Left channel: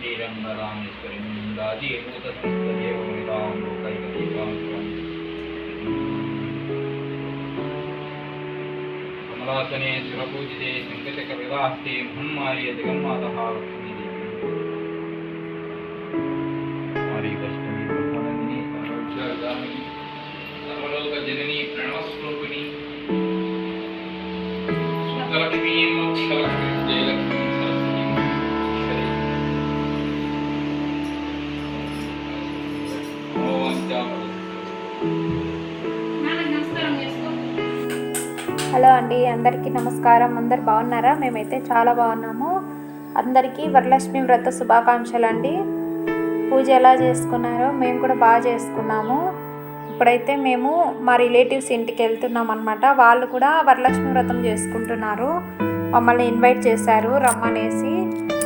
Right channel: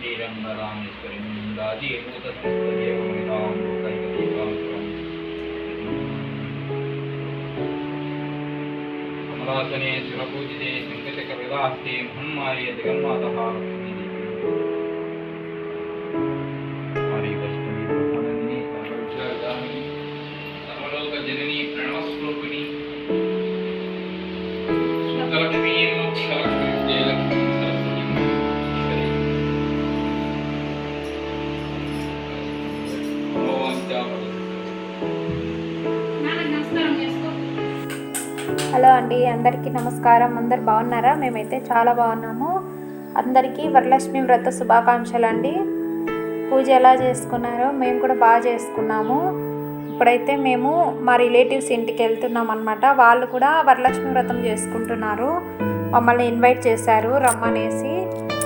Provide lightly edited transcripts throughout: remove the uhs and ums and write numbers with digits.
श्रीरङ्गरामेश्वरीं राजीभूतसंस्तदेवमितां लोकैकदीपां कमलासने शिवपूजिते शङ्कचक्रविलास्ते महम्माये जगन्मातः लक्ष्मीदेवी वैष्णवी ब्रह्मणंदिनी सर्वविद्यादायिनी सर्वलोकजननी प्रणवस्वरूपिणी सुखलक्ष्मी मोक्षलक्ष्मी जयलक्ष्मी सरस्वती ईश्वरी hello అండి, అందరికీ నమస్కారం. అందరు బాగున్నారా? మేమైతే చాలా బాగున్నాము. అందరికీ వరలక్ష్మి వ్రత శుభాకాంక్షలు అండి. పూజ ఎలా చేసుకున్నారో మేము కూడా బాగా చేసుకున్నాము. ఇప్పుడైతే మేము మా రిలేటివ్స్ ఇంటికి వెళ్తున్నాం అనమాట. వాళ్ళు కూడా వరలక్ష్మి వ్రతం చేసుకుంటున్నారు. మమ్మల్ని ఇన్వైట్ చేశారు రమ్మనేసి,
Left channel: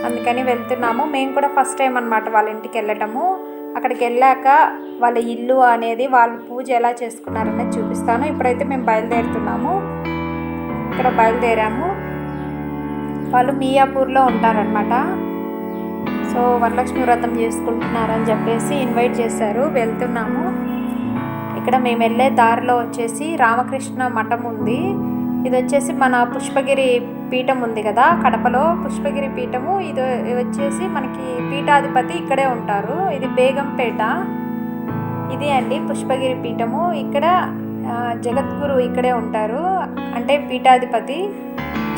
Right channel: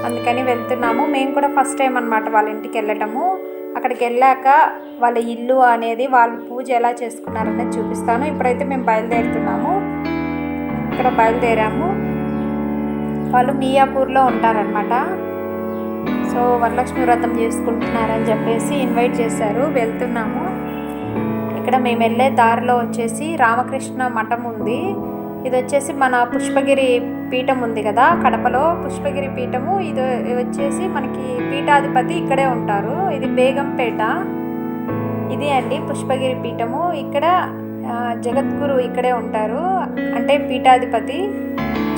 అందుకని వెళ్తున్నాము. మేము కూడా ఫస్ట్ టైం అనమాట వాళ్ళ ఇంటికి వెళ్ళటము. అక్కడికి వెళ్ళాక వాళ్ళ ఇల్లు అనేది, వాళ్ళు పూజ ఎలా చేసుకున్నారనేది చూపిస్తాను. ఇప్పుడైతే మేము బయలుదేరుతున్నాము. ఇక్కడ బయలుదేరాము. వాళ్ళు మియాపూర్లో ఉంటారనమాట. సో వరలక్ష్మి వ్రతం చేసుకుంటున్నారని చెప్పేసి ఇన్వైట్ చేశారు. వెళ్తున్నాము. ఇక్కడ మేము వెళ్ళే దారిలో వచ్చేసి రామకృష్ణ మఠం ఉంది. ఇది వచ్చేసి మన పుష్పగిరి పీఠం ఉంది కదా కడపలో, పుష్పగిరి పీఠము. ఇది వచ్చేసి మనకి పీఠాధిపతి ఇక్కడే ఉంటారు. ఇది బేగంపేట. ఇది అండి పుష్పగిరి పీఠము. ఇక్కడ జగద్గురు ఇక్కడే ఉంటారు, అంటే పీఠాధిపతి.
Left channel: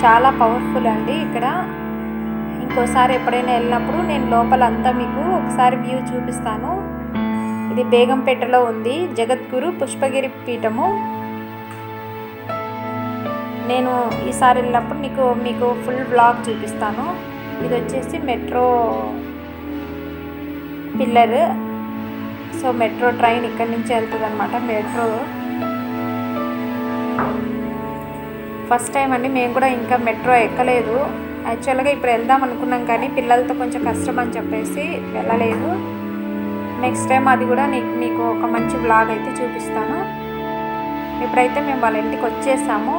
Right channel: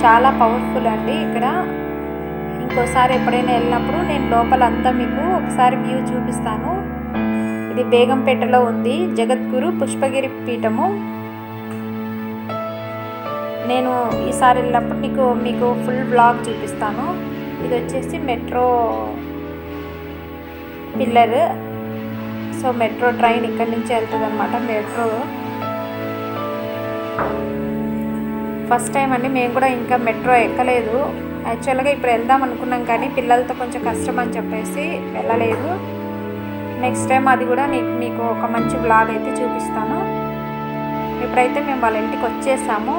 చాలా పవర్ఫుల్ అండి ఇక్కడ. ఇంకోసారి ఎప్పుడైనా వెళ్ళినప్పుడు నేను లోపలంతా మీకు ఒకసారి వ్యూ చూపిస్తాను. ఇది బేగంపేటలో ఉంది జగద్గురు పుష్పగిరి పీఠము. నేను ఈసారి వెళ్ళినప్పుడు మీకు ఫుల్ వ్లాగ్ చూపిస్తాను. ఇది వచ్చేసి metro pillar. So metro train ఇక్కడి నుంచి వెళ్తుంది అనమాట. మెట్రో ఫస్ట్ టైం అండి. మేము కూడా ఇంకా మెట్రో ఎక్కలేదు. యాక్చువల్గా ఇప్పుడు వెళ్దాం అనుకున్నాం, కానీ పిల్లలతో కొంచెం కష్టం అని చెప్పేసి వెళ్ళలేదు. నెక్స్ట్ టైం అది కూడా మీకు ఒక మంచి వ్లాగ్ అయితే చూపిస్తాను. ఇప్పుడైతే మేము వాళ్ళ ఇంటికి వచ్చేసాము.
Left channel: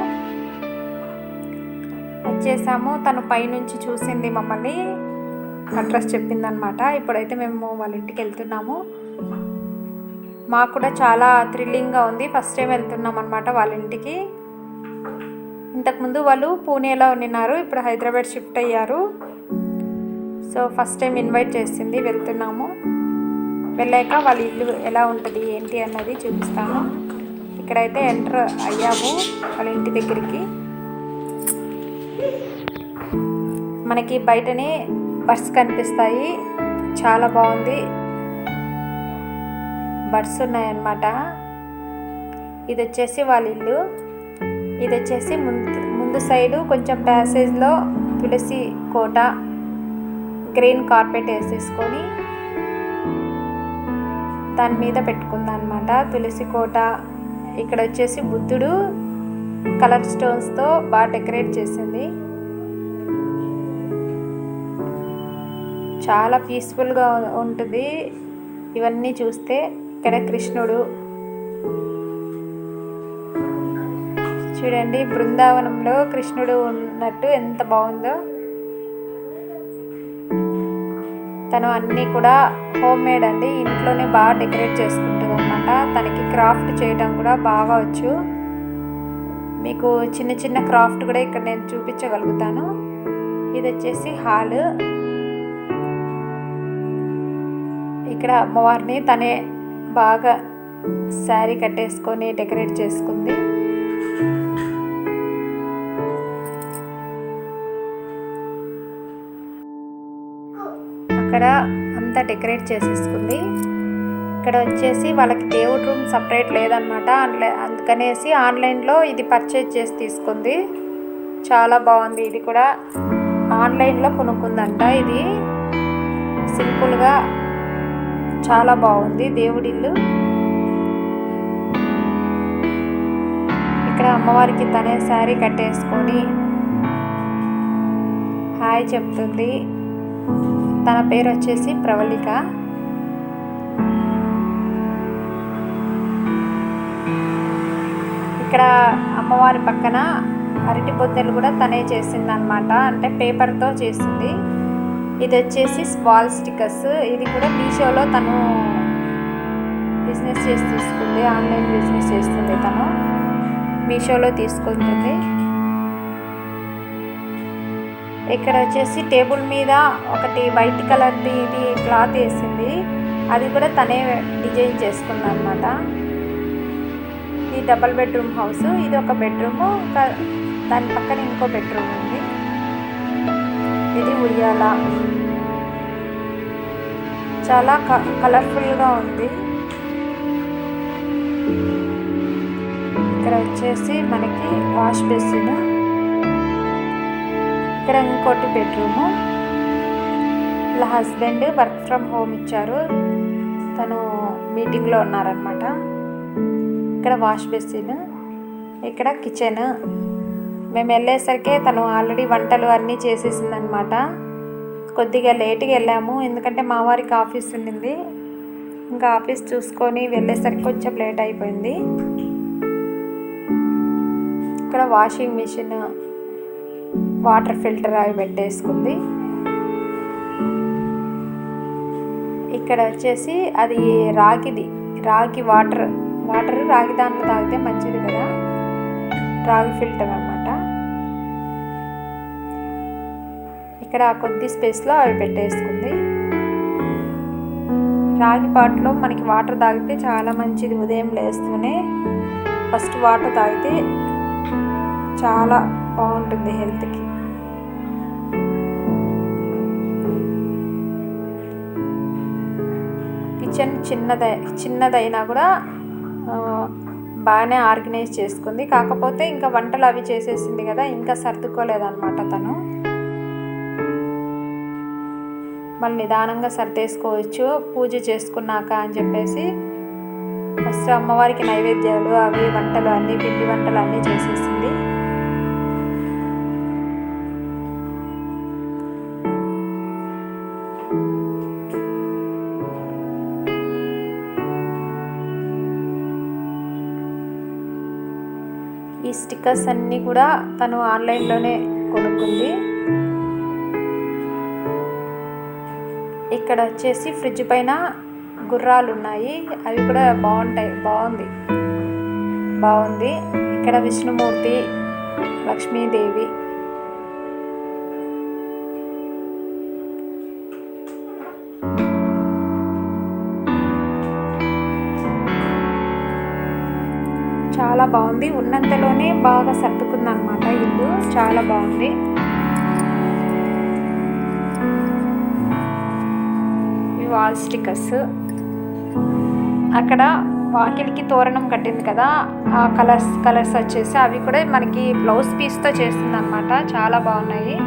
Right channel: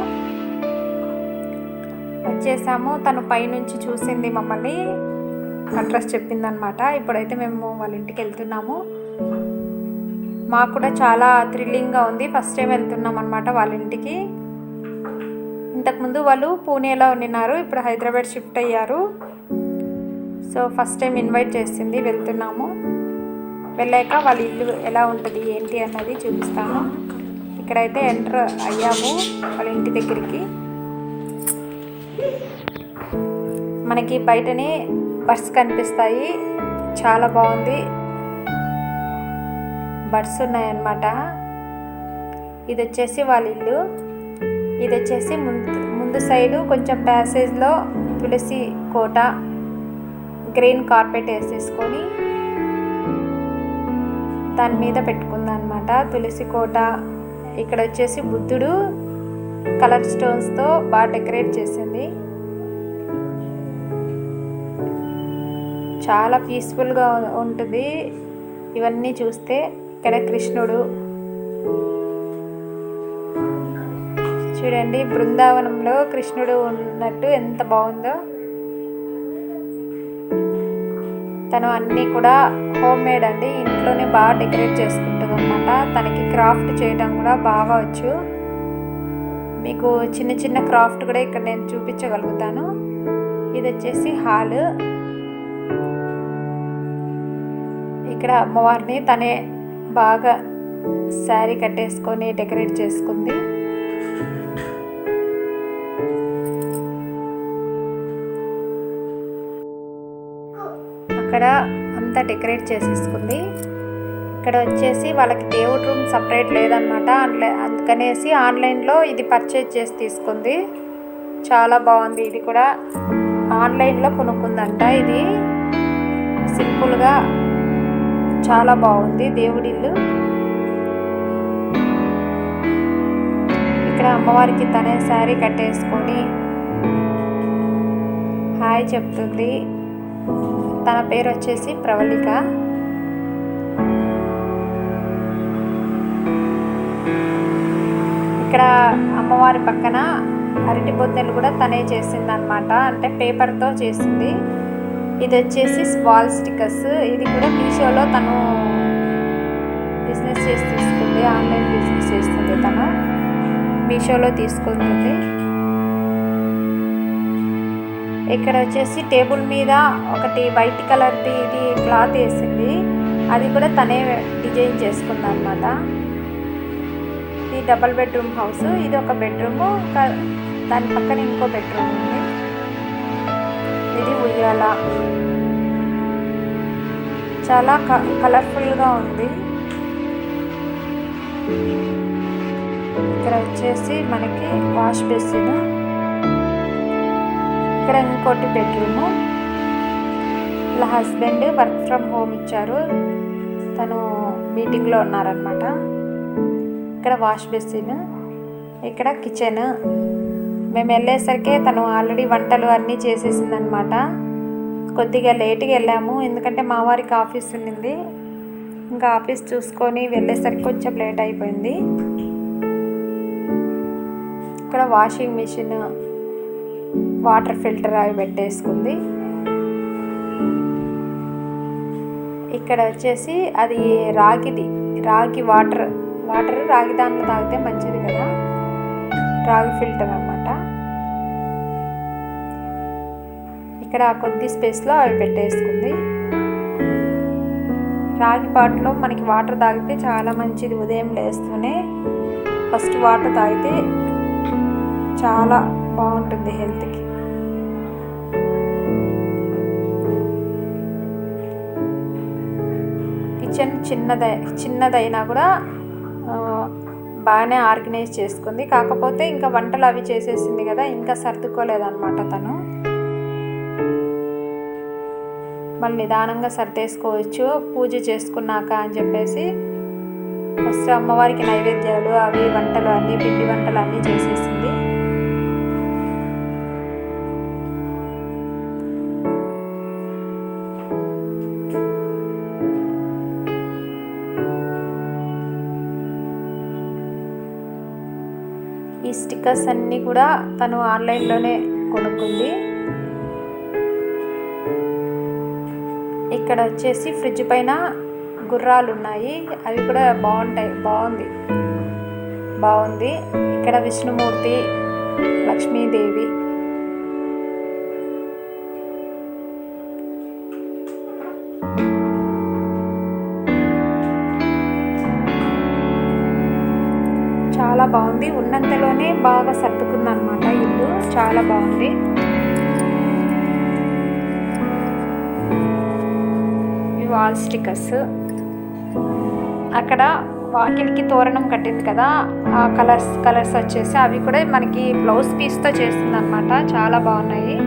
తను పైనుంచి చూసింది మమ్మల్ని, అడ్రస్ చెప్పిందనమాట. ఇప్పుడైతే మేము వాళ్ళ ఇంటికి వెళ్తున్నాము. మాకు కూడా చాలా థ్రిల్లింగ్గా ఉంది. ఫస్ట్ టైం వెళ్తున్నాం అనమాట వాళ్ళ ఇంటికి. ఇంతకుముందు వాళ్ళు పూణేలో ఉన్నారు, ఇప్పుడు హైదరాబాద్ షిఫ్ట్ అయ్యారు. సో ఫస్ట్ టైం ఇన్వైట్ చేసింది, వెళ్తున్నాము. వెళ్ళాక వాళ్ళ ఇల్లు ఎలా ఉంటుంది ఏంటి అన్నది చూపిస్తాను. ఇక్కడైతే ఎంటర్ అయ్యాము వాళ్ళ ఇంటి దగ్గరికి. మనకి బయటనే బర్డ్స్ కనిపిస్తాయి, చాలా బాగుంది. బర్డ్స్ ఉన్నాయన్నమాట. ఇది వచ్చేసి వాళ్ళ ఇల్లు. ఇది వచ్చేసి ముందు సైడు కొంచెం ప్యాసేజ్లో తులసి కోట, గ్రీన్ కార్పెట్ వేసేసుకొని దాని మీద పెట్టుకుందనమాట తులసి కోట. ఇక్కడ వచ్చేసి బుద్ధుడు కలర్ స్టోన్స్తో బాగా డెకరేట్ చేసింది. చాలా పీస్ఫుల్గా ఉంటుంది ఇవన్నీ చూస్తే. ఇక్కడ కృష్ణుడు చూడండి, బృందావనంలో కృష్ణుడు ఉన్నట్టు ఎంత బాగుందో. తను అన్నీ కూడా హోమ్ మేడ్ అండి, ఇంట్లోనే బాగా డెకరేట్ చేసుకుంటుంది అనమాట. తనకి క్రాఫ్ట్ చేయడం కూడా బాగా వచ్చు. మీకు చిన్న చిన్న క్రాఫ్ట్ కూడా ఇక్కడ నేను చూపించగలుగుతాను. ఇది వచ్చేసి హాల్. ఇక్కడ అమ్మవారిని తనే బాగా శారీ కట్టేసుకొని డెకరేట్ చేసుకుంది. అక్కడ అంతా డెకరేట్ చేసేసుకుంది. ఇక్కడ వచ్చేసి వాళ్ళకి దేవుడి రూమ్ సపరేట్ లేదనమాట. అందుకనేసి ఆన్లైన్లో ఇది పర్చేజ్ చేసి తీసుకుంది. చాలా బాగుంది. ఇది కూడా ఆన్లైన్లో కొనుక్కుందంట. ఇది సింపుల్గా చాలా బాగుంది దేవుడి ఇల్లు. ఇక్కడ అమ్మవారికి తనే శారీ కట్టేసుకొని హాయ్ చెప్తుంది. తన పేరు వచ్చేసి ప్రవళిక. ఇక్కడ అమ్మవారి పక్కన అరటి బొద్దెలు కూడా తనే చేసింది అనమాట, అంటే పేపర్తో చేసింది. ఇది వచ్చేసి వాల్ స్టిక్కర్స్. ఇది కూడా మీషోలో తను బిజినెస్ చేసి తీసుకుంది, ఆన్లైన్ బిజినెస్ చేస్తుంది. తను మీషోలో తీసుకుంటుంది. ఇక్కడ వచ్చేసి టేబుల్ మీద ఒకటి వైట్ కలర్ది ఇది క్లాత్ వేసింది, అది కూడా తనే డిజైన్ చేసుకుంది అనమాట. ఇది డబల్ బెడ్రూమ్ హౌస్. ఇది ఒక బెడ్రూము, ఇంకా దాని పక్కన ఇంకో బెడ్రూమ్ ఉంది. ఇది ఉయ్యాల, చాలా కలర్ఫుల్గా ఉంది. ఇక్కడ వచ్చేసి మనకి వాష్ బేసిన్, ఇక్కడ ఇంకోటి బెడ్రూము. ఇలా హస్బెండ్ వర్క్ ఫ్రమ్ హోమ్ ఇచ్చారు, తను మీటింగ్లో ఉన్నారనమాట. ఇక్కడ వాష్ బేసిన్, ఇక్కడ కిచెన్. మేము వెళ్ళేసరికి తను ఆల్రెడీ వంటలు అన్నీ చేసేసిందనమాట. కొద్దిగా లేట్గా వెళ్ళాము, ఎందుకంటే మా వారికి ఆఫీస్ ఉండింది. ఇంకా ఆఫీస్ చూసుకొని వెళ్ళేసరికి కొంచెం లేట్ అయిపోయింది. ఇక్కడ వాషింగ్ మిషన్, వాటర్ ఫిల్టర్ అవి పెట్టేసుకుంది. ఇక్కడ వచ్చేసి అది రాగి వాటర్ రాగి దాంట్లో తాగితే మంచిది కదా, రాగి ఫిల్టర్ అన్నమాట. ఇక్కడ కొద్ది స్పేస్లో అవి పెట్టేసుకుంది. రాగి పాట్లో మనకి వాటర్ తాగితే చాలా మంచిది. ఉదయం లేస్తూనే ఫస్ట్ వాటర్ తాగితే చాలా బాగుంటుంది హెల్త్కి. కిచెన్ చిన్నదైనా కూడా బాగానే ఆర్గనైజ్ చేసుకుంది. కాకపోతే ఇంకా వంటలు అవి చేసేసింది కదా, ఇంకా సర్దుకోలేదన్నమాట తను. మళ్ళీ నిదానంగా సర్దేసుకోవచ్చు పూజ చేసుకున్నాక అని చెప్పేసి ఫస్ట్ అమ్మవారికి నైవేద్యాలు అవి వంటలు అన్నీ, పిండి వంటలు అన్నీ చేసేసింది. ఈ స్టిక్కర్స్ అన్నీ కూడా తను ఆన్లైన్లోనే కొనుక్కుంది. ఇక్కడ వచ్చేసి ఫ్రిడ్జ్ పైన గుర్రాలు ఉన్నాయి, అవి కూడా బాగుంది. ఇక్కడ విష్ణుమూర్తి, లక్ష్మీదేవి. చాలా బాగుంది. ఉన్నంతలోనే బాగా సర్దుకుంది అనమాట ఇల్లు, చాలా బాగుంది. ఇవి వాల్ స్టిక్కర్స్. అక్కడ వాకిలికి తోరణం కట్టింది కదా, ఆ కలర్స్ వచ్చేసి అవి కూడా మనకి బ్లౌజ్ పీస్తో చేస్తుంది అనమాట, చాలా బాగున్నాయి.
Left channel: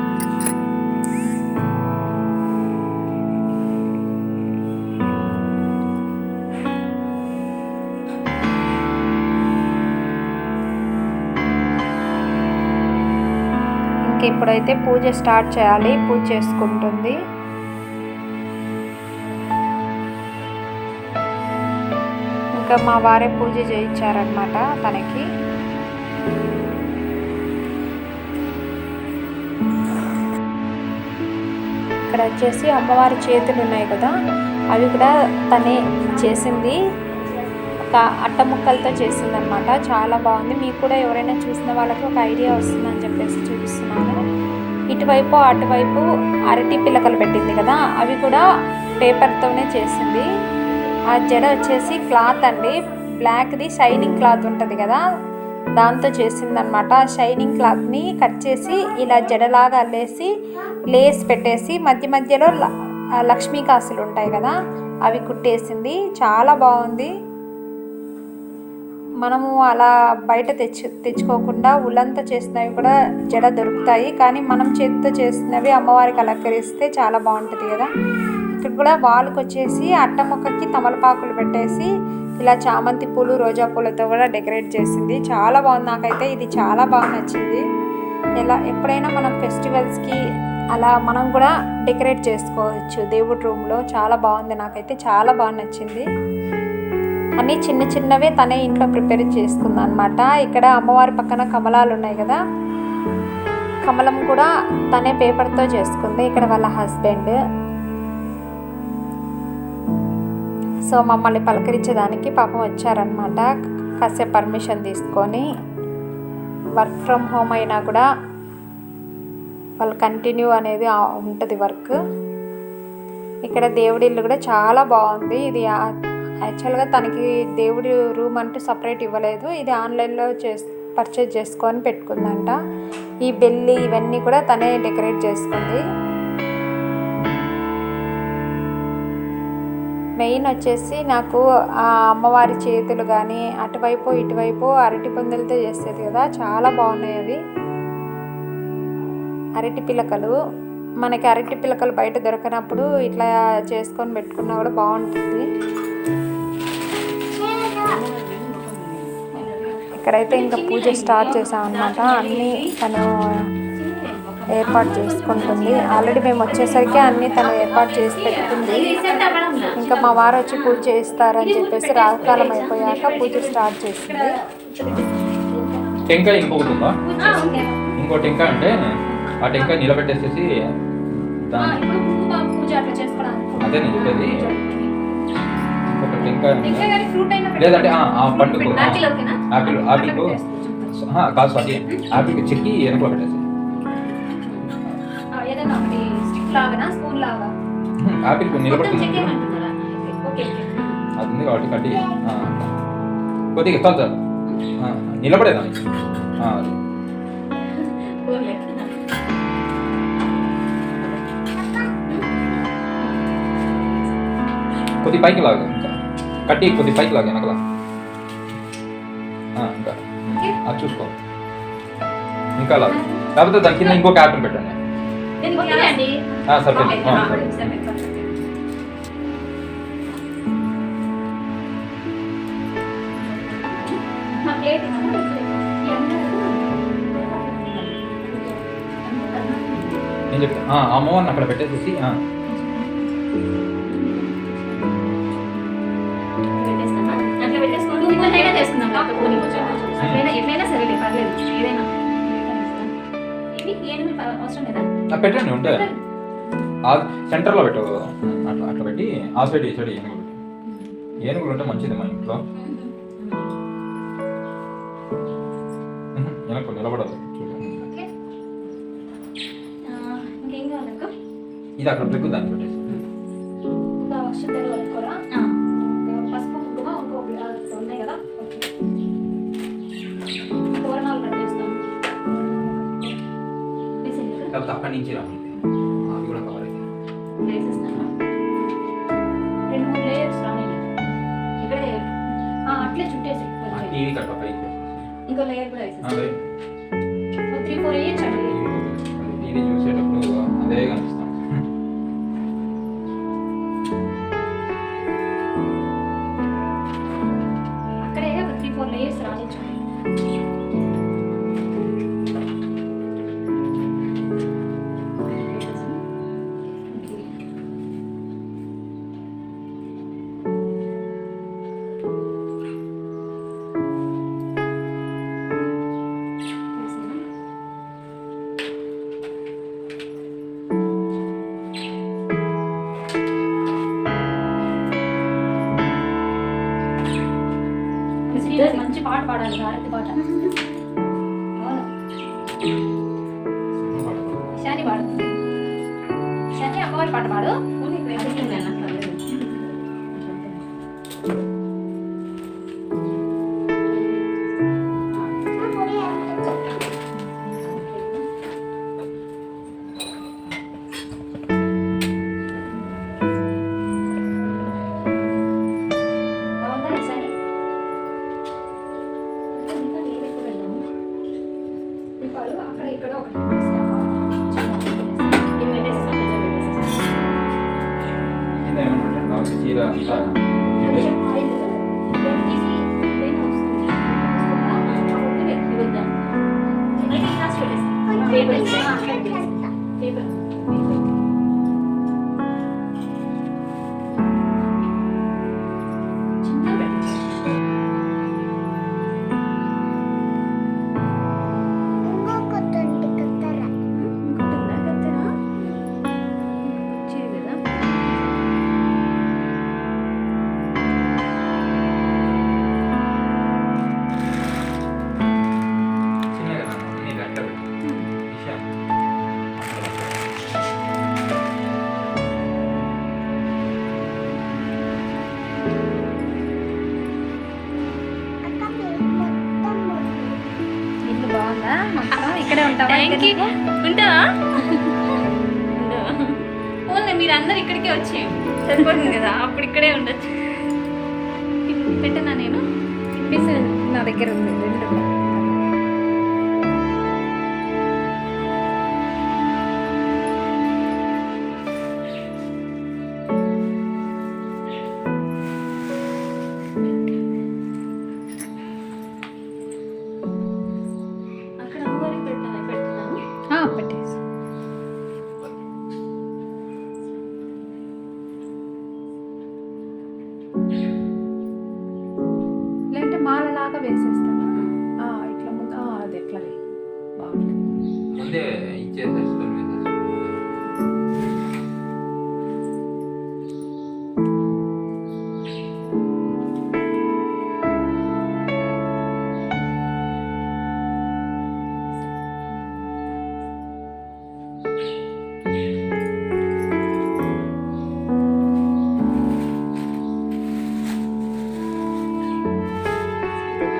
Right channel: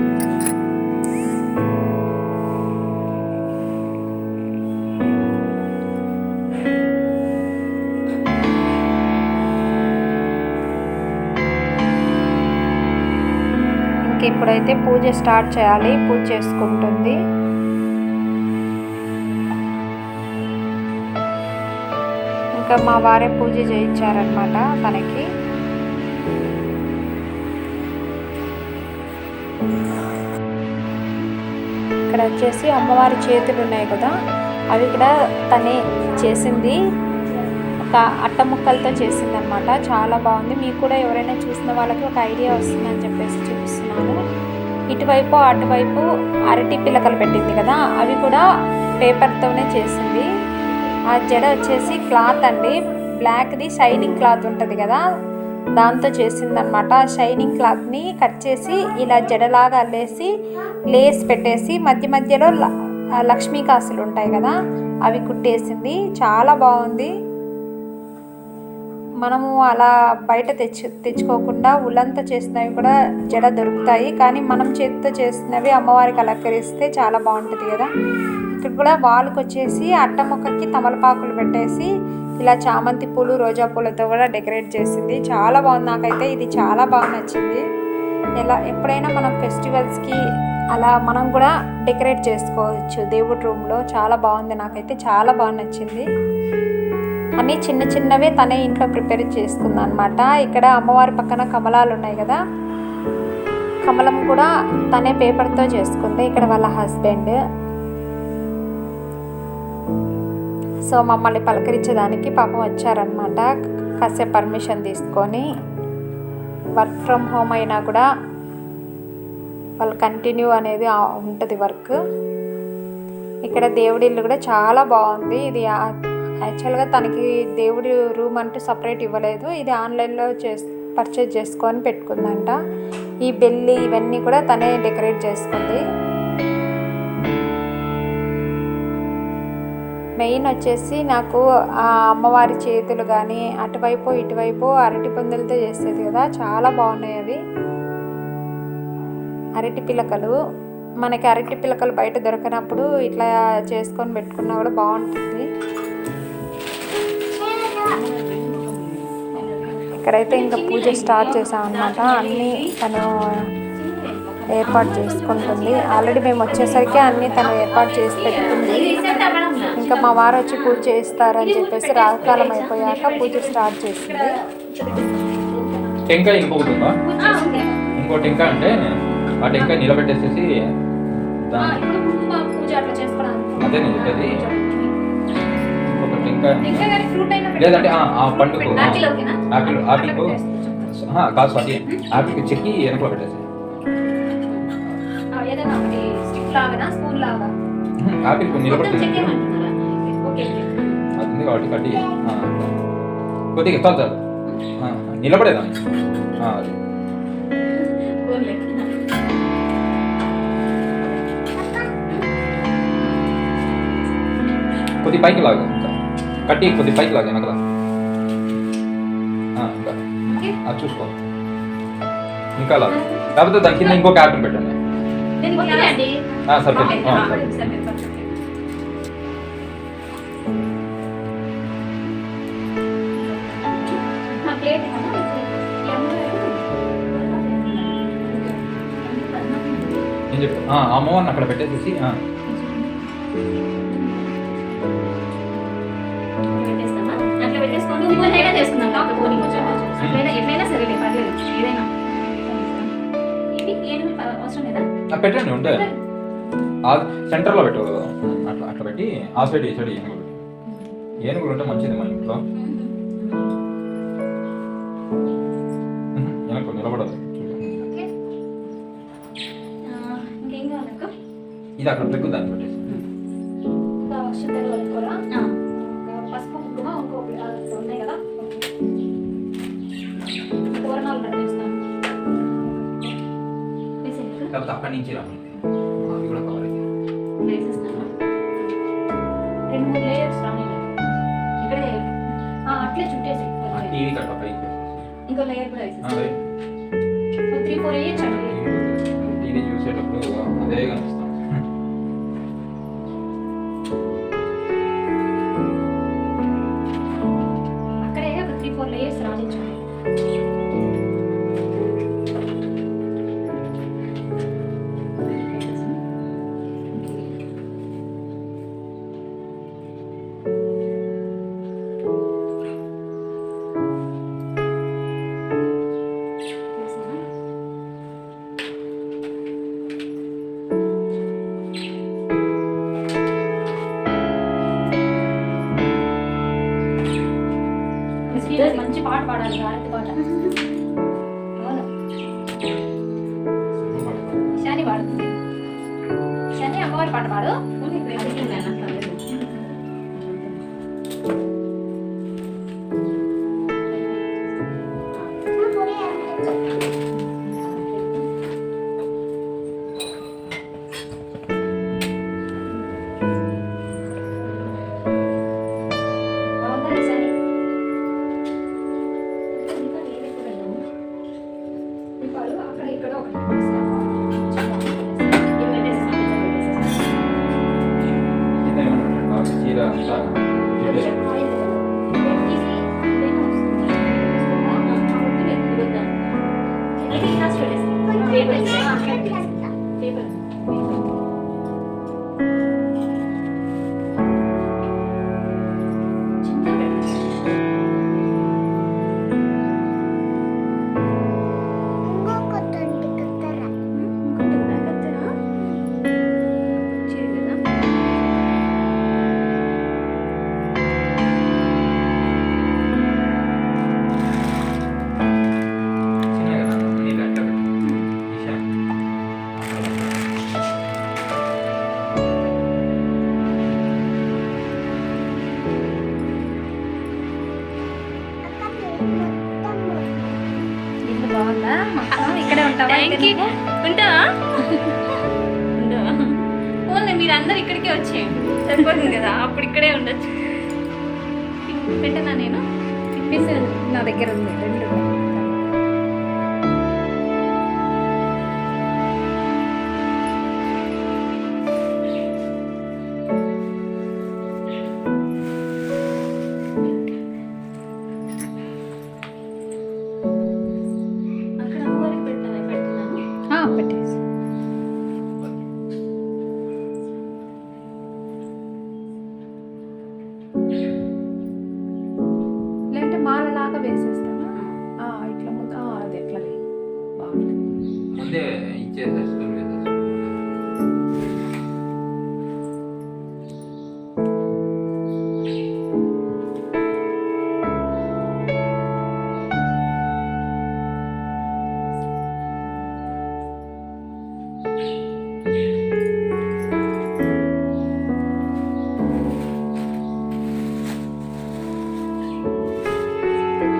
ఇప్పుడైతే పూజ స్టార్ట్ చేయాలి, పూజ చేసుకుంటుంది. ఇంకా మా వారే పూజ చేయించారనమాట తనకి. ఇక్కడ వచ్చేసి అమ్మవారి చేతులు ఉన్నాయి కదా, అవి కూడా తనే చేసింది, ఒక అట్ట ముక్కలతో చేసిందనమాట, చాలా బాగుంది. మీకు కూడా ఎవరైనా చూసిన వాళ్ళకి ఒక ఐడియా వస్తుందని చెప్పేసి చూపిస్తున్నాను. ఇటువైపు అటువైపు అరటి పిల్లకలు పెట్టింది కదా, అవి కూడా పేపర్తోనే చేసింది. ఆ జడ వచ్చేసి క్లాత్ అండి, బ్లాక్ది షైనింగ్ క్లాత్ ఉంటుంది కదా, దాంతో చేసిందనమాట. షైనింగ్ క్లాత్ని కట్ చేసి ఇలా జడలాగా అల్లేసి లేస్ పెట్టేసి మధ్యలో లక్ష్మీ కాసులు ఉంటాయి కదా, అవి కుట్టేసింది, చాలా బాగుంది. మనము అలా బయట తెచ్చుకోకుండా ఉలంతా చేసినవి కూడా జడ దొరుకుతాయి, కానీ మనం చేతితో చేసినవి అమ్మవారికి అలంకరిస్తే చాలా బాగుంటుంది కదా. ఇక్కడ కూడా వాళ్ళకి వచ్చేసి అట్ట మొక్కకి తమలపాకులు పెట్టేసి ఇలా చామంతి పూలు, రోజా పూలతో కూడా డెకరేట్ చేసింది, చాలా బాగుంది. నాకైతే ఇది చాలా బాగా నచ్చింది. ఎప్పుడైనా మనం ఫెస్టివల్స్కి అలా మనం కూడా డెకరేట్ చేసుకోవచ్చు దేవుడి రూమ్లో, చాలా బాగుంది. నాకైతే చాలా బాగా నచ్చింది. అన్నీ చిన్నవే తనే ఇంట్లో ప్రిపేర్ చేసుకుంది అనమాట. ఇక్కడ అమ్మవారి పక్కన కమలాలు ఉన్నాయి కదా, కమలం కూడా తనే పేపర్తో చేసుకుంది. ఇక్కడ వాళ్ళ హస్బెండ్. సో మమ్మల్ని పలకరించేదానికి పాపం వచ్చారనమాట. కాసేపు పర్మిషన్ తీసుకొని, వర్క్ ఫ్రమ్ హోమ్ అయినా కూడా వాళ్ళు కంటిన్యూ అనేది ఉంటుంది వర్క్. ఇక్కడ దేవుడి ఇల్లు కూడా చాలా బాగుంది. ఇది యాక్చువల్గా తనకి దేవుడి రూమ్ అంటూ సపరేట్ ఇవ్వలేదు. ఇది ఆన్లైన్లో పర్చేజ్ చేసుకొని పెట్టుకుందంట. ఈ బెల్లి ఇవన్నీ కూడా తనే డెకరేట్ చేసుకుంది. మెయిన్ వచ్చేసి నాకు ఆ అమ్మవారి చేతులు కానీ అటువైపు ఇటువైపు అరటి పందులతో చేసేది కదా, చాలా బాగున్నాయి అవి. అరటి పిలకలు, మనకి అరటి పిలకలు బయట దొరకనప్పుడు ఇట్లా చేసుకొని పెట్టుకున్నా కూడా బాగుంటుంది. ఇక్కడైతే ఇంకా పూజ స్టార్ట్ చేసామన్నమాట. అన్నీ తను ఏర్పాటు చేసుకుంటుంది. ఆల్రెడీ మేము వచ్చేసరికి అన్నీ తను ఏర్పాటు చేసి పెట్టుకుంది. ఇంకా మా వారు వచ్చి పూజ చేస్తారని చెప్పేసి రాకాలం అయిపోయాక పూజ స్టార్ట్ చేసింది. టెంకాయ ఇంకొకటి ఉందా? ఇంకో టెంకాయ అంటే ఆ టెంకాయ నిలబెట్టేసేసి అదే నేను చెప్పేది. ఒక టెంకాయ లేదంటే ఆ పండుకు ఆపిల్కు కాదు సారీ, ఆపిల్కి చెక్కి వెనకలో పెట్టేసి ఆపిల్ నిలబడుతుంది అది ఉంది కాబట్టి కట్టి కొద్దిగా చాలు చాలు నిలబడేదాన్ని అది కొద్ది పైకి లాగు, ఇంకా కట్టి కొద్ది పైకి లాగా వెనకలా ఇంకా అది చూసుకో, ఇంకా లాగు. లేకపోతే దాని కింద ఇంకొక యాపిల్ పెట్టండి. నేను చెప్తా అమ్మవారిని అక్కడ పెట్టేసేసి పెట్టండి ఉంటే సెంటర్లో పెట్టు. అట్లా అట్లా పెట్టి ఆ సైడ్ ఈ సైడ్ ఏనుగులు ఏనుగులు ఉంటే మంచిది మా ఇంట్లో. వెనక్కు నిలబడదు ఇది అక్కడ పెగ్గు దాన్ని పెట్టేసి పసుపు కుంకుమ ఉన్నాయి కదా, తోరణాలు కట్టేస్తాం. లేకపోతే అక్కడి నుంచి రా, అవి కూడా కవర్ అయితే 2-3 లేయర్స్ రాని ఇక్కడే అట్లే చుట్టేసి టీవీ కట్ట పైకి ఇంకో లేయర్ కూడా వేసేస్తాం. 3-4 వేయచ్చు అండి. టీవీ చూసేటప్పుడు అదే కనిపిస్తాం. అక్కడే ఒక 3-4 లేయర్స్ రానించండి. మంచి పాట పాడాలి, హారతి పాట. అవును, శని పాడుతుంది. శని అమ్మవారి పాట పాడు. అక్కడ ఇక్కడ ఒకటి చీర ఇక్కడే ఉంటావా థ్యాంక్ యూ. ఉంటావా ఉండవా ఓన్లీ మీరు అందరు ఇక్కడికే వచ్చేయండి సరిపోతుంది కదా అప్పుడు ఇక్కడే ఉండొచ్చు పెట్టనా నేను పిన్ నా దగ్గర ఉంది, 2 ఉన్నాయి. అక్కడ అమ్మగారికి పెడుతున్నాను పెట్టేసి లేదంటే మాలలాగా వేసేస్తానా? ఇట్లా ముందు అది ఎట్లా వేయి. బాగుంది. ముందే ఇచ్చేసేసుకొని వేసేసుకుంటాం.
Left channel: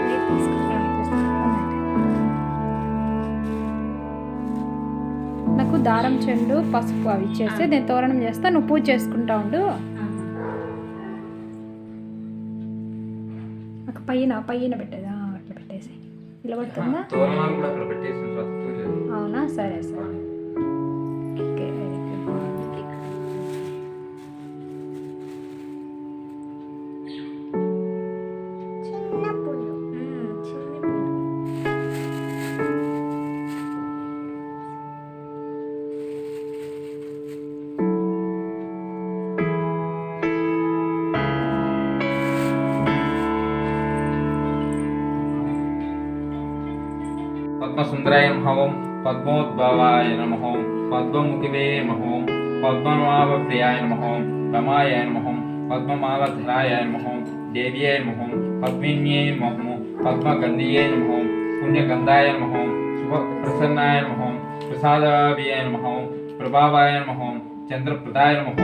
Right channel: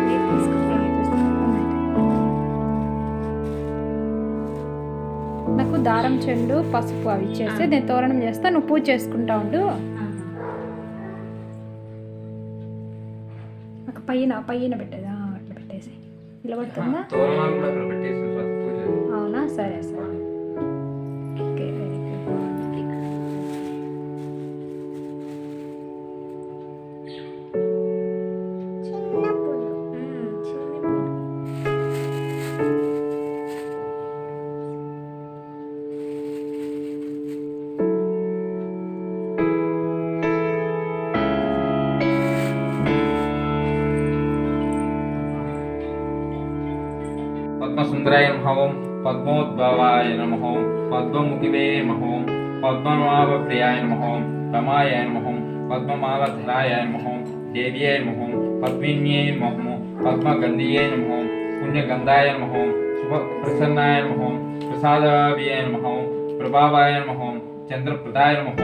మీరు తీసుకుంటాను నాకు దారం చెండు పసుపు అవి ఇచ్చేస్తే నేను తోరణం చేస్తా, నువ్వు పూజ చేసుకుంటా ఉండు. ఒక పైన పెట్టేదా అట్లా పెట్టేసి నిలబడుతుందా? తోరణాలు కూడా అక్కడ పెట్టేసిన తర్వాత పూజ. అవునా, సరే సరే. ఓకే, వెరీ గుడ్, బాగుంది. చిన్న పూలు. పద్మసుందరాయ నమః, పద్మోద్భవాయ నమః, పద్మముఖివే నమః, పద్మనాభప్రియాయ నమః, రమాయ నమః, పద్మమాలధరాయ నమః, దేవ్యై నమః, పద్మిన్యై నమః, పద్మగంధియై నమః, పుణ్యగంధాయ నమః, శుభప్రసన్నాయ నమః, ప్రసాదాయ నమః, ప్రభావాయ నమః, చంద్రప్రదాయ నమః,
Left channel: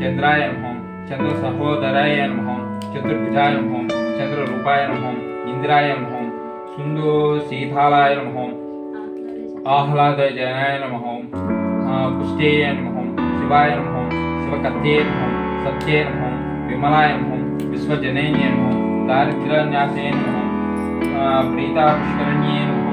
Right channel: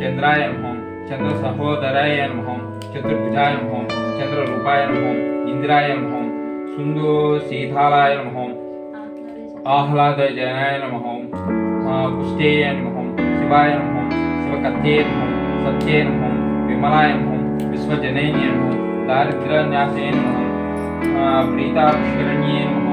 చంద్రాయ నమః, చంద్రసహోదరాయ నమః, చతుర్భుజాయ నమః, చంద్రరూపాయ నమః, ఇంద్రాయ నమః, సుందో శీతాలాయ నమః, ఆహ్లాదజనాయ నమః, పుష్టేయ నమః, శివాయ నమః, శివకథ్యే నమః, సత్యే నమః, విమలాయ నమః, విశ్వజనైన్య నమః, దారిద్ర్యన్యాసే నమః, ప్రీతాపుష్కరణ్యే నమః,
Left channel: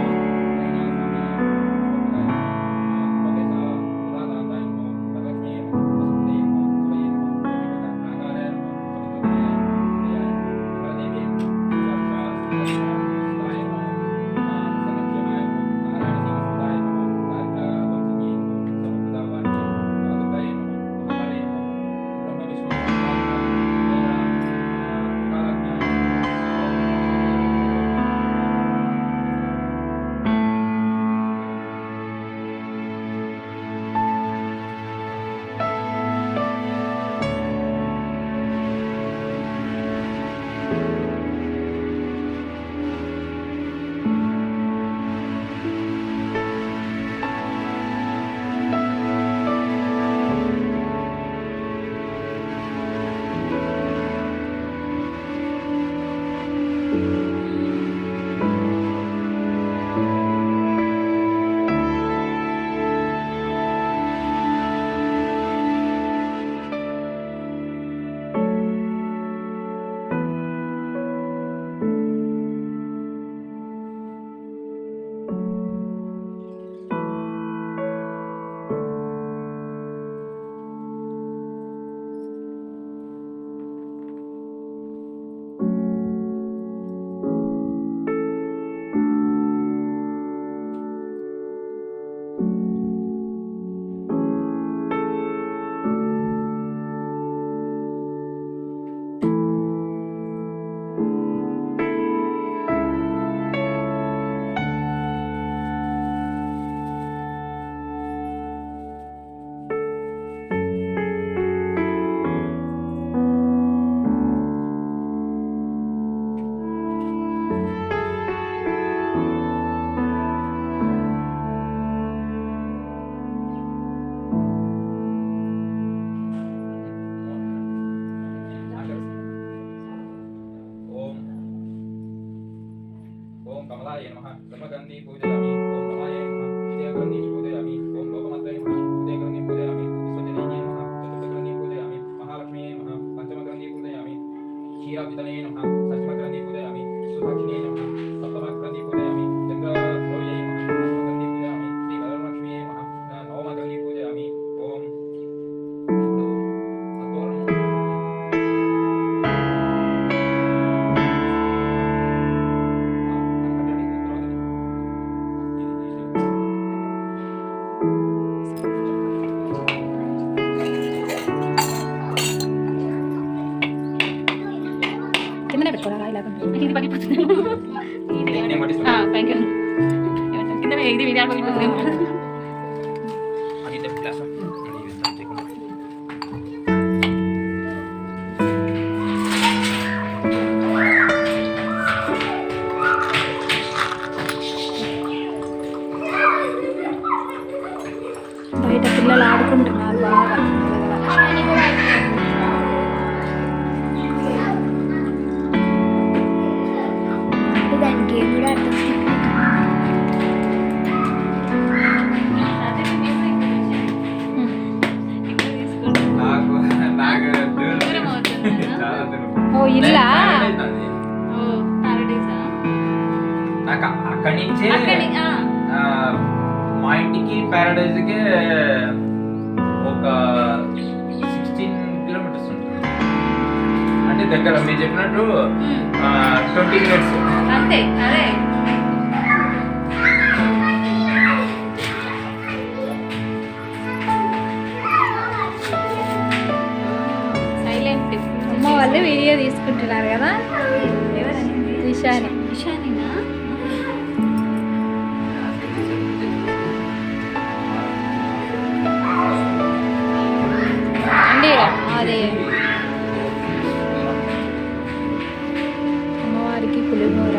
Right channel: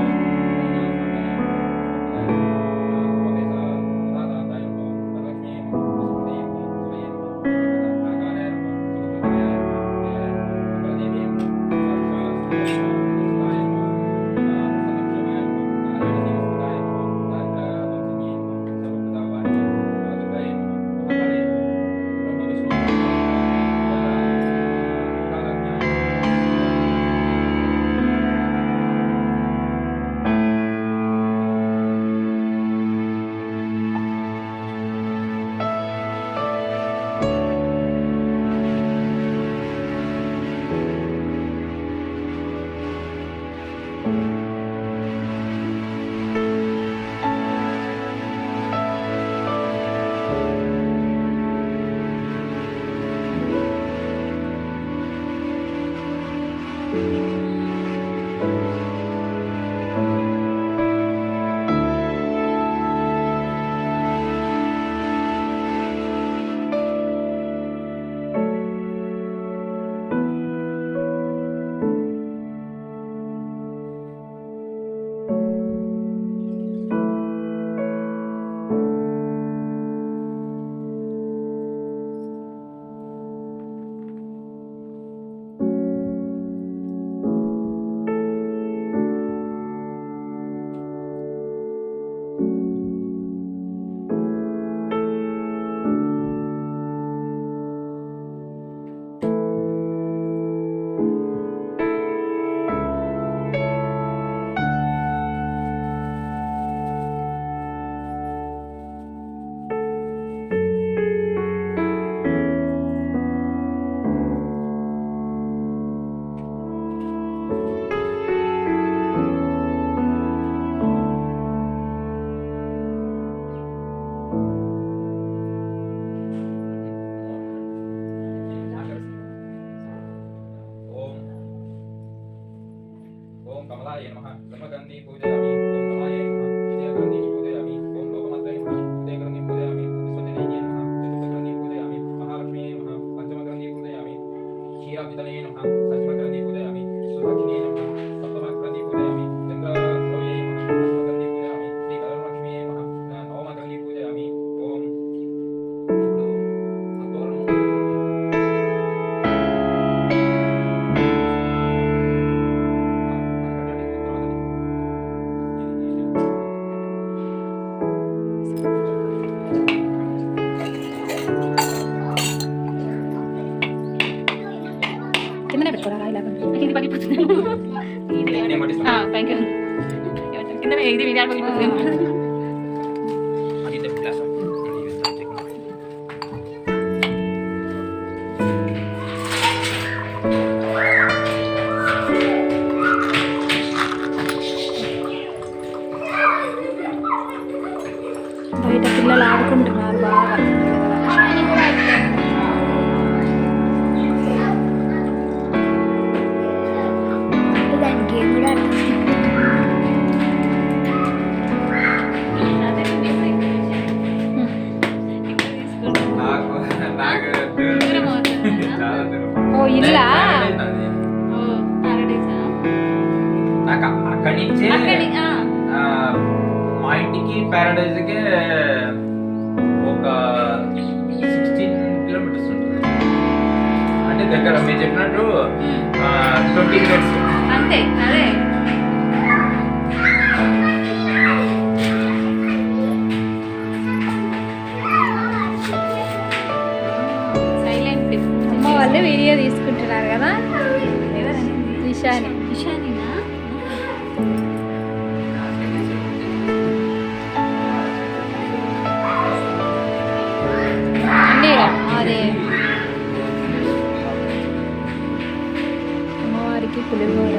ఓం కమలాయ నమః బ్రహ్మగంధి పూజయామి ఓం కమలాయ నమః క్షీరాభితనే నమః సత్యమగ్రంథి పూజయామి విశ్వసాక్షిణే నమః సప్తమగ్రంథి పూజయామి చంద్రద్రవ్యై నమః అష్టమగ్రంథి పూజయామి శ్రీ వరలక్ష్మీయే నమః నవమగ్రంథి పూజయామి ఓం. ఇప్పుడు ఆ తోరణం కిందనే పెట్టుకోరా ఇలా ఇది పగిలిపోతుంది. ఇది నేను పట్టిస్తాను. Thank you. కింద ఇది ఇది పగిలిపోతుంది. అది ద గ్లాస్ బయట పిల్లలు ఆడుకుంటున్నారు బాగా. దానికి గేమ్ కూడా నాకు నాకు దూరం అవుతుంది కదా? చాలా దూరం. ఓ ఇల్లా ఓ ప్యారడైజా? నాకు అక్కడి నుంచే ఆ, మా ఇంటికి ప్యారడైజ్ కి ఒక 16 కిలోమీటర్స్ ఉంటుంది. అంటే దగ్గర మీరు చెప్పినట్టు 20 మినిట్స్ అంతే. అదే సైలెంట్. అమ్మ వాళ్ళు వీడియో తీసుకుంటున్నారు కదా. ఎవరనింది? ఇషాని. ఇషానినా? అండి అదే అమ్మవారికి పులిహోర.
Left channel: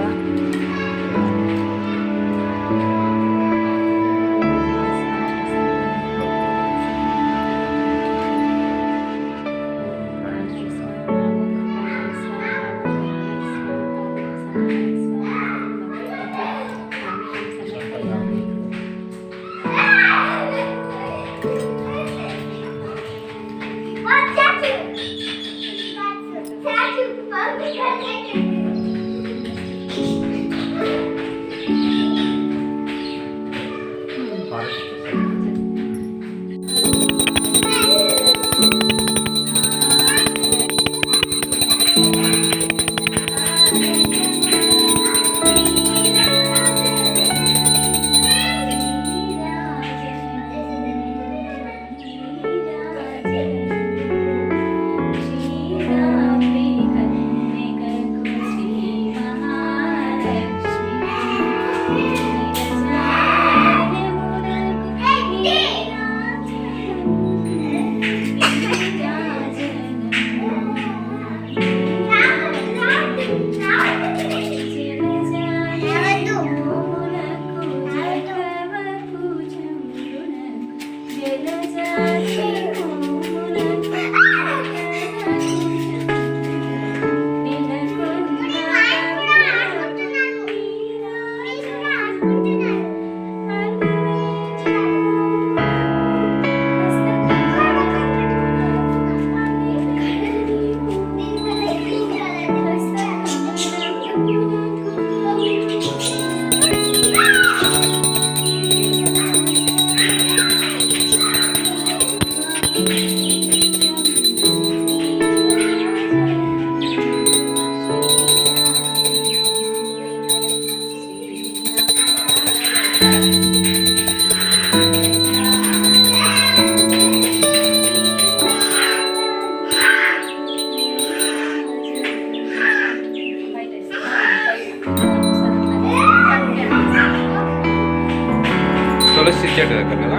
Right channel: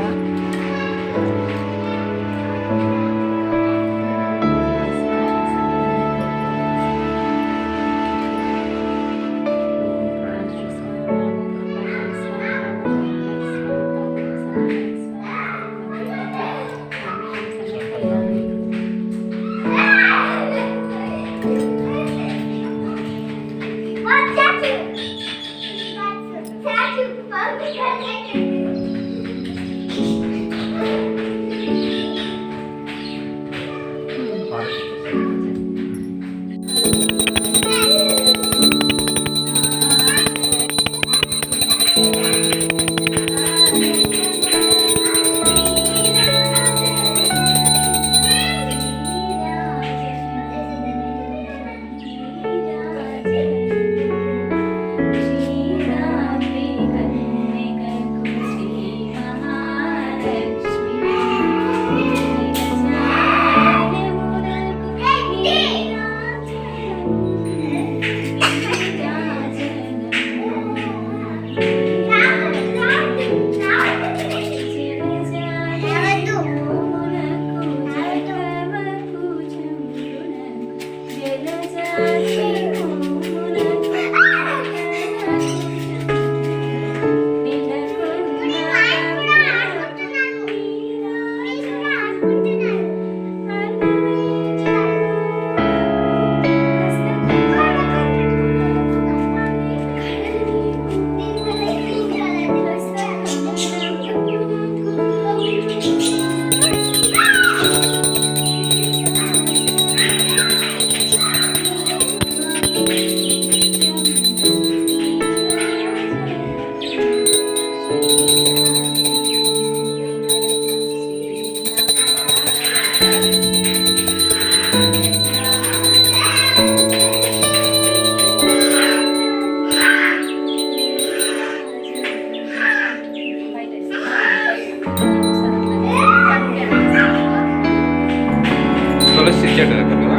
తులసి చెట్టు దగ్గర కదా.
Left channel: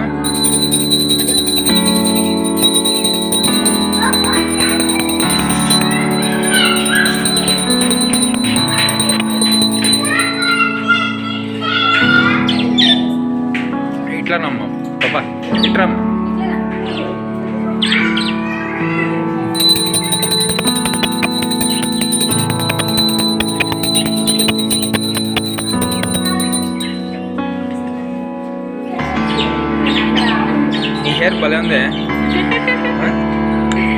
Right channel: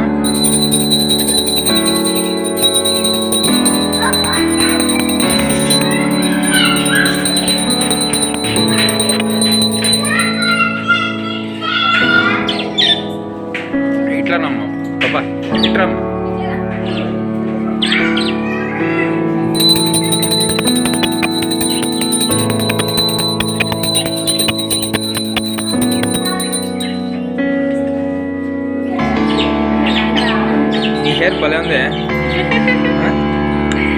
ఇట్లానమ్మా పాపా ఇట్రమ్మా. ఈ హెయిర్ భలే ఉంది,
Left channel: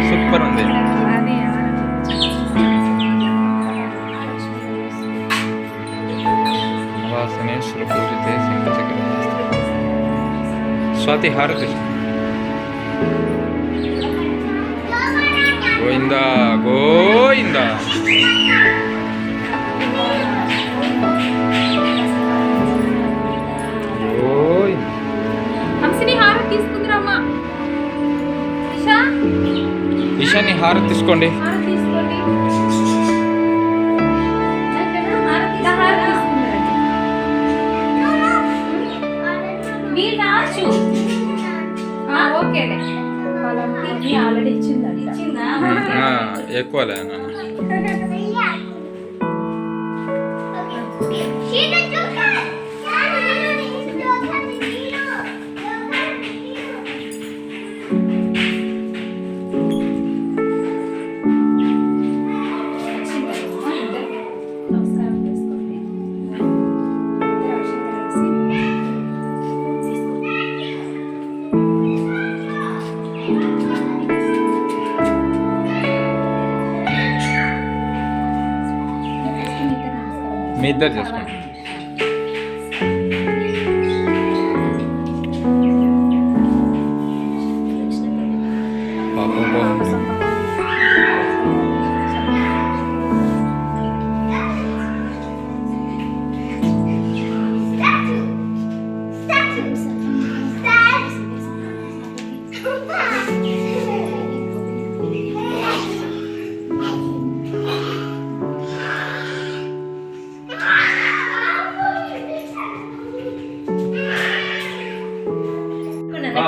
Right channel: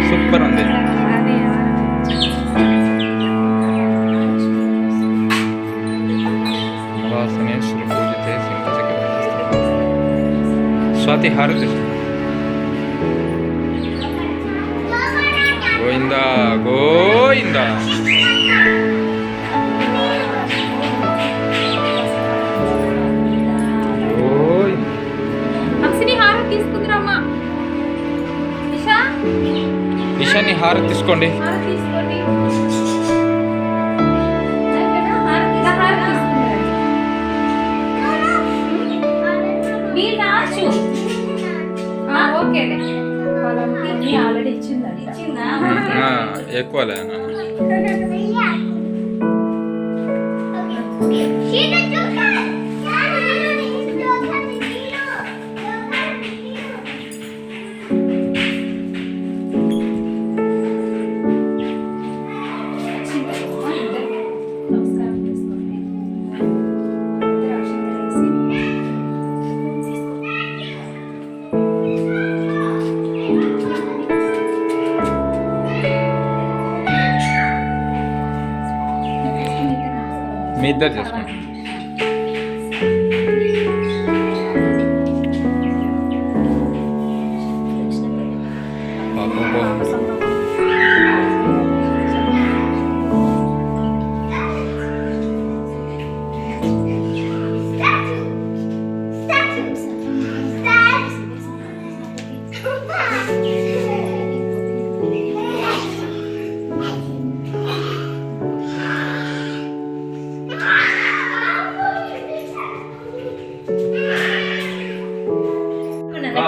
సూపర్ ఉంది. అది మంత్రములు పూజితే శంఖ చక్ర స్వాతి హారతి గోవిందా గోవిందా. గోవిందా. హంసిని హారతి తీసుకుందిరామ్మా. ఈశాని హారతి తీసుకోండి. హారతి తీసుకోండి. మీరు రాచు. ఓకేలే. వాళ్ళకి ఆల్రెడీ ఇచ్చిందంట. ఎక్కువలే నాన్న. నమస్కారం చేసుకోండి. మీ ఇద్దరు చేసుకోండి. పాపం బాగుంది.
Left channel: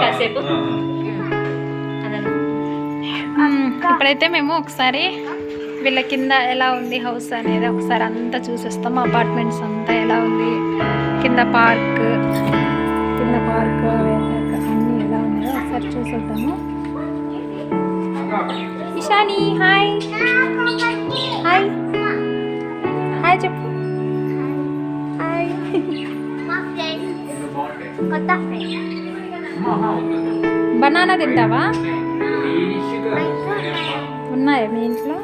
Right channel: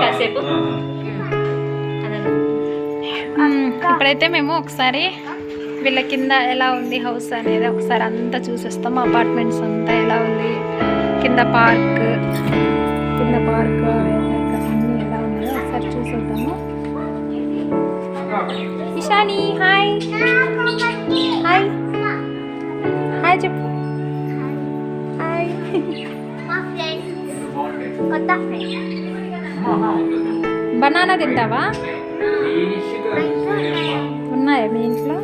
కాసేపు ఇప్పుడైతే మేము ఒకసారి వీళ్ళ కింద ఎలా ఉంది హౌస్ అనేది ఒకసారి అంతా చూసేస్తాము. అపార్ట్మెంట్స్ అంతా ఎలా ఉంది, కింద పార్క్ అన్నీ ఎలా ఉందో ఒకసారి చూసేద్దాము. ఇషాని హాయ్ హాయ్ హాయ్ చెప్పు. హాయ్. బనానా తింటావా? ఉన్నాయా మీ ఇంట్లో?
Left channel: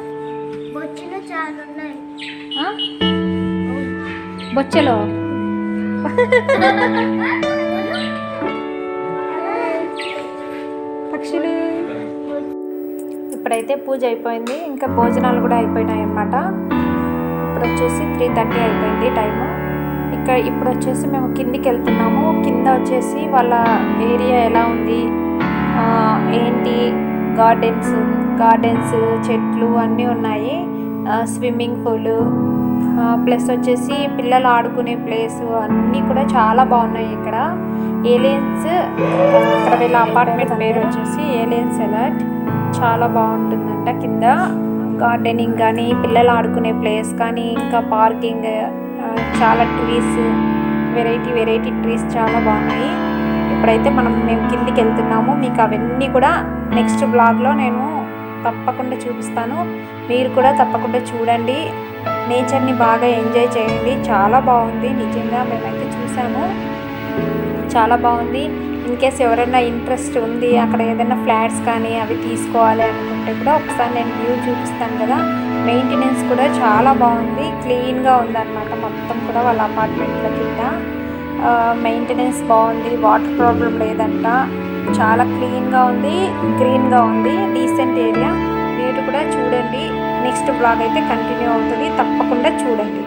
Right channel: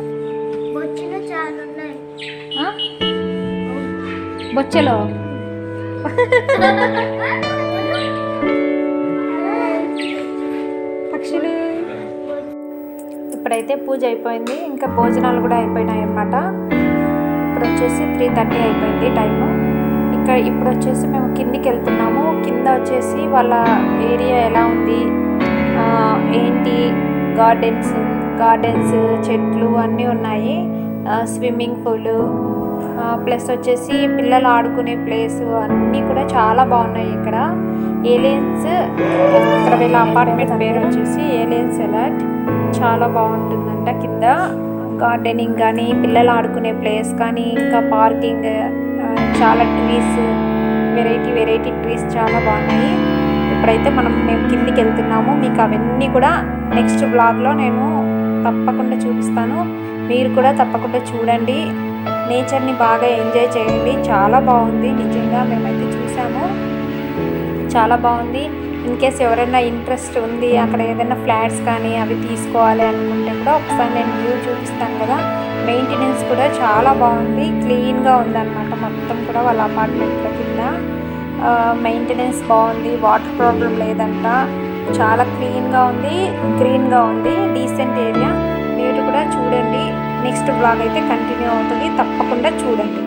బొచ్చలో పక్షులు. ఇప్పుడైతే పూజ అయిపోయింది, ఇంకా భోజనాలు కూడా అయిపోయినాయి అన్నమాట. ఇప్పుడు వచ్చేసి 3:30 అయిపోయింది టైము. ఇప్పుడు వచ్చేసి మేము కిందికి వెళ్తున్నాము. కింద వచ్చేసి వాళ్ళ ఏరియా ఎలా ఉంది, ఏంటి, గార్డెన్స్ చెట్లు అన్నీ ఉన్నాయి. స్విమ్మింగ్ పూలు ప్లస్ వచ్చేసి పిల్లలు ఆడుకునే ప్లేస్ అన్నీ కూడా చాలా బాగున్నాయి. ఇక్కడ ఏలియన్స్, ఇక్కడ వీళ్ళ అపార్ట్మెంట్ పేరు వచ్చేసి ఏలియన్స్ ఎలర్ట్. చాలా బాగుంటుందంట. కింద గార్డెనింగ్ కానీ పిల్లలు ఆడుకునే ప్లేస్ కానీ ఇంకా పార్కింగ్, చాలా ట్రీస్, వెరైటీ ట్రీస్ చాలా బాగున్నాయి. ఇప్పుడైతే మేము కిందికి వెళ్తున్నాము. మీకు అవన్నీ కూడా నెక్స్ట్ బ్లాగ్లో నేను తప్పకుండా చూపిస్తాను. మీరు కూడా తప్పకుండా చూడండి. నేచర్ని బాగా ఎంజాయ్ చేయండి. చాలా బాగుంది నిజంగా. మేమైతే చూసాము, చాలా బాగుంది. ఇన్కేస్ ఎవరైనా ఇంట్రెస్ట్ ఉంది అక్కడ ఏదైనా ఫ్లాట్స్ కానీ అవి తీసుకోవాలి అనుకుంటే కూడా ఒకసారి నేను వ్యూ చూపిస్తాను కదా. మెయింటెనెన్స్ కూడా చాలా బాగుంది, క్లీన్గా ఉందన్నమాట. మొత్తం కూడా వాళ్ళ అపార్ట్మెంట్ల కింద మెయింటెనెన్స్ బాగుంది, వాటర్ ప్రాబ్లం లేదంట. చాలా క్లీన్గా ఉంది, గ్రీన్గా ఉంది, డీసెంట్ ఏరియా. మీరు కూడా చూడండి. నెక్స్ట్ బ్లాగ్ అయితే కంటిన్యూ అవుతుంది, తప్పకుండా చూడండి.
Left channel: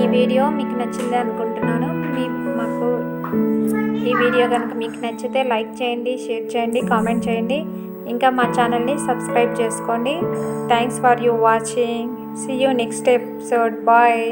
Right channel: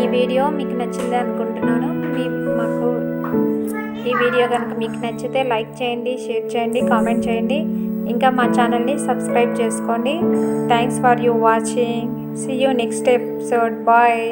ఈ వీడియో మీకు నచ్చింది అనుకుంటున్నాను. ఈ వీడియో కనుక మీకు నచ్చితే లైక్ చేయండి, షేర్ చేయండి, కామెంట్ చేయండి. ఇంకా మా ఛానల్ని సబ్స్క్రైబ్ చేసుకోండి. Thanks for you watching. See you next episode. Bye.